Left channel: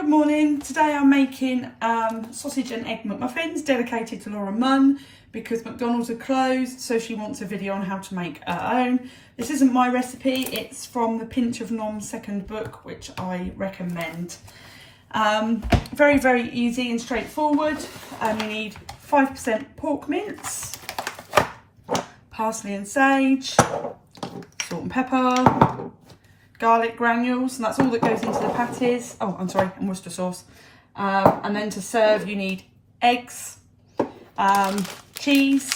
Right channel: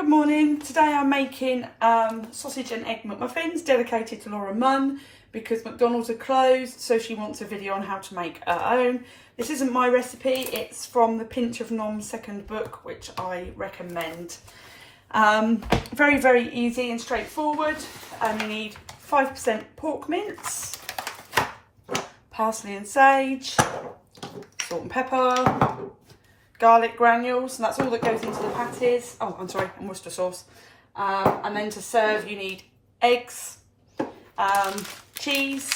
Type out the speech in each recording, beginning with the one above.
Good morning. Today I'm making sausage and egg McMuffins dedicated to Laura Munn because McDonald's are closed, so she wants a video on how to make her own. This isn't my recipe, it's from the Pinch of Nom's second book, which I recommend. Very, very easy and straightforward. You need 5% pork mince, parsley and sage, salt and pepper, garlic granules, and that's all that goes into the patties. Oh, I'm sorry, and Worcester sauce. And then to serve, you need eggs, cheese.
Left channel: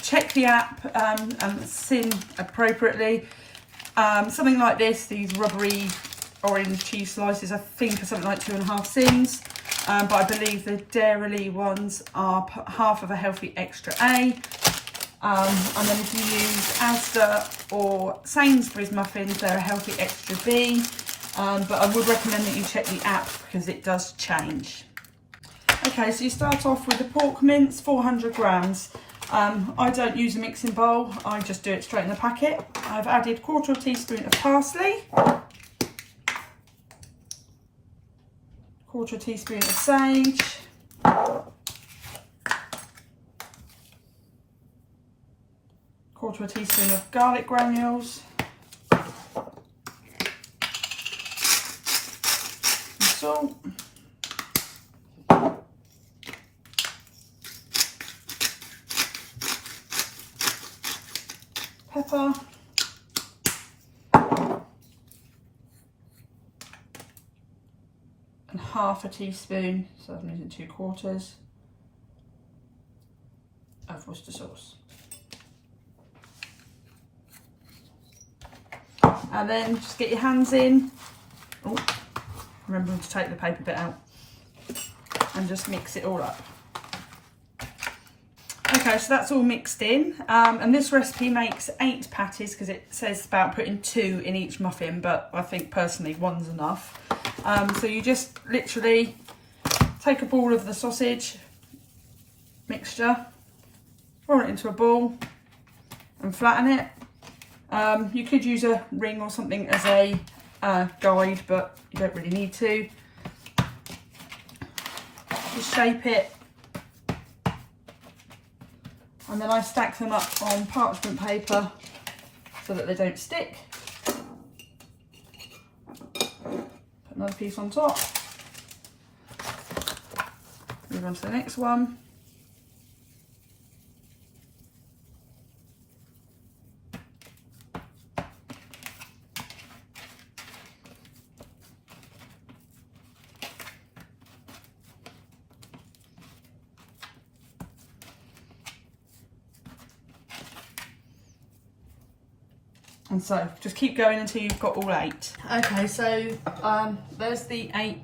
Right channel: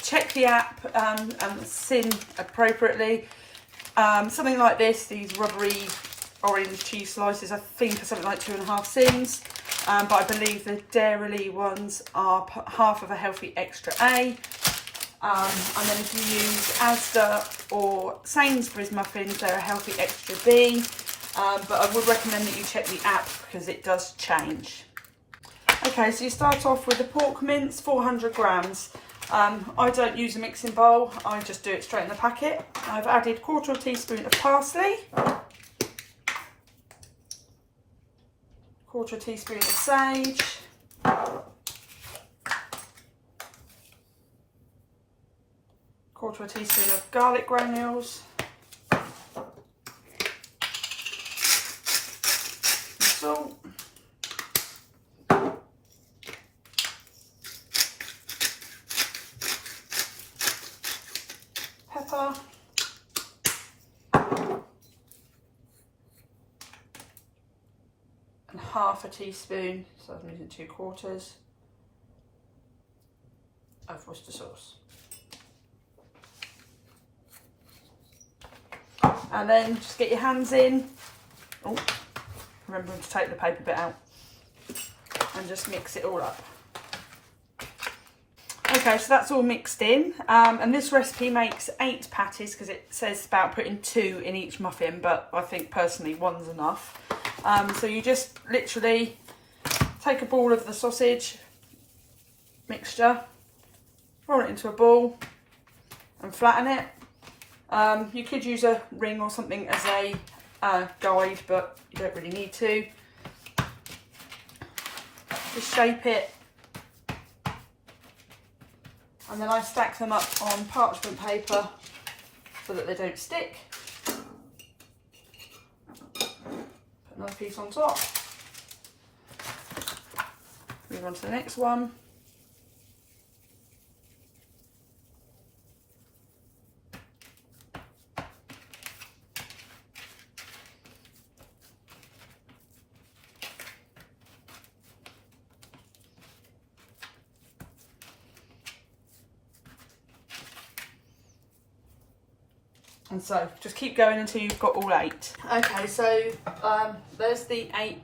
Check the app and Syn appropriately. Something like this, these rubbery orange cheese slices, I think are something like 2.5 Syns. But I believe the Dairy ones are half of a healthy extra A. And then if you use Asda or Sainsbury's muffins, they're a healthy extra B. But I would recommend that you check the app because it does change. Okay, so you start off with the pork mince, 400 grams. I don't use a mixing bowl, I just do it straight in the packet. I've added 1/4 teaspoon of parsley, 1/4 teaspoon of sage, 1/4 teaspoon of garlic granules, some salt, pepper, and 1/2 teaspoon, so I'm using 2/4 of Worcester sauce. And then just get your hands in. Oh, remember to take the paper bit out. And just mix it all up. Okay, so that's all mixed in. And this recipe makes 8 patties because it says about putting 2 in each muffin, but I think personally 1's enough. So you just literally take up all of the sausage mixture, roll it into a ball and flatten it. You could use a ring or something as a guide, but you don't really need to. Just shape it. And then I stack them up on parchment paper so that they don't stick. Put another piece on top. Move on to the next one. And so just keep going until you've got all 8. Okay, so there's the 8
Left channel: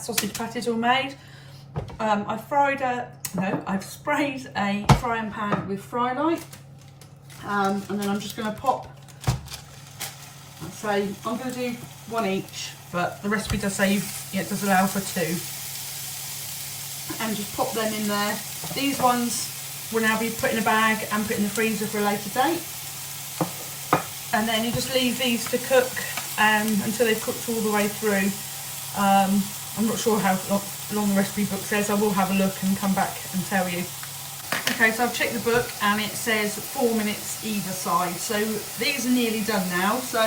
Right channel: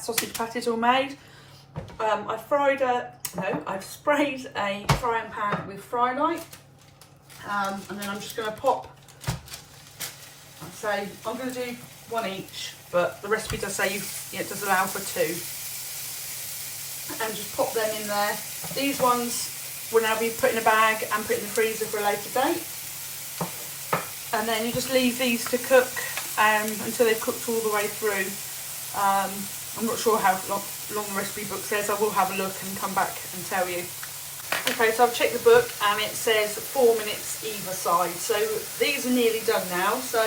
sausage patties all made. I've sprayed a frying pan with fry light. And then I'm just going to pop, I'm going to do 1 each, but the recipe does say it does allow for 2. And just pop them in there. These ones will now be put in a bag and put in the freezer for a later date. And then you just leave these to cook until they've cooked all the way through. I'm not sure how long the recipe book says. I will have a look and come back and tell you. Okay, so I've checked the book and it says 4 minutes either side. So these are nearly done now. So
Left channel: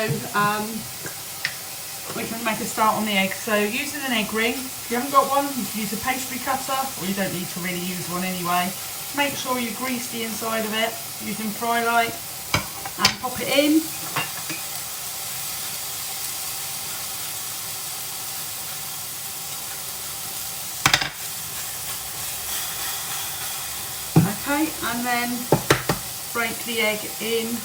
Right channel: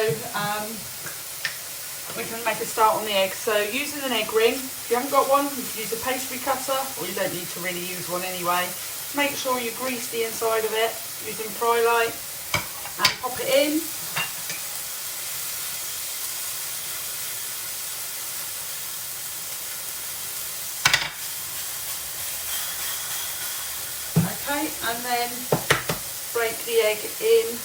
we can make a start on the eggs. So using an egg ring, if you haven't got one, you can use a pastry cutter, or you don't need to really use one anyway. Make sure you grease the inside of it using fry light and pop it in. Okay, and then break the egg in.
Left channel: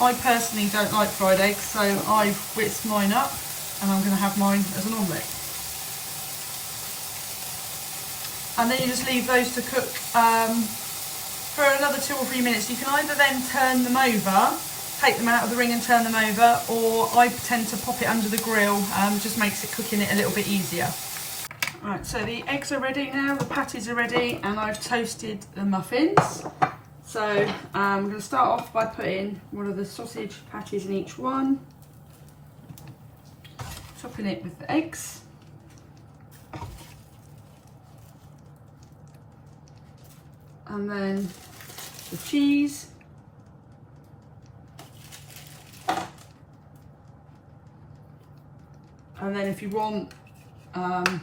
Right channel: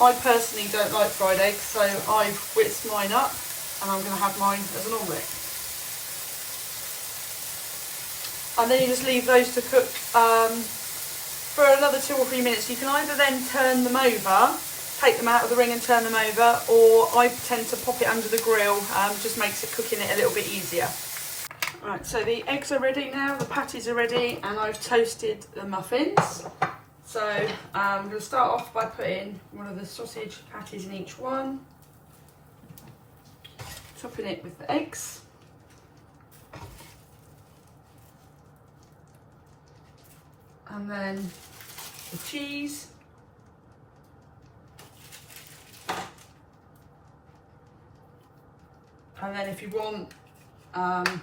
I personally don't like fried eggs, so I've whisked mine up and I'm going to have mine as an omelette. And then you just leave those to cook for another 2 or 3 minutes. You can either then turn them over, take them out of the ring and turn them over, or I tend to pop it under the grill, just makes it cooking it a little bit easier. Alright, so the eggs are ready now, the patties are ready, and I've toasted the muffins. So I'm going to start off by putting one of the sausage patties in each one. topping it with the eggs. And then the cheese. And then if you want a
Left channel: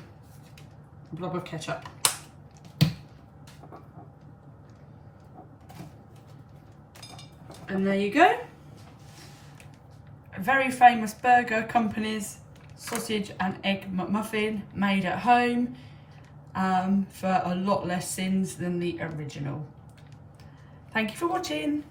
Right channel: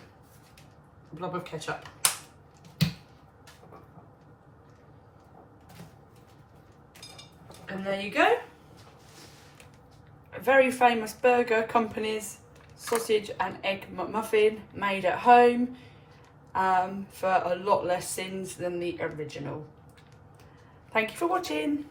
blob of ketchup. And there you go. A very famous burger company's sausage and egg McMuffin made at home for a lot less sins than the original. Thank you for watching.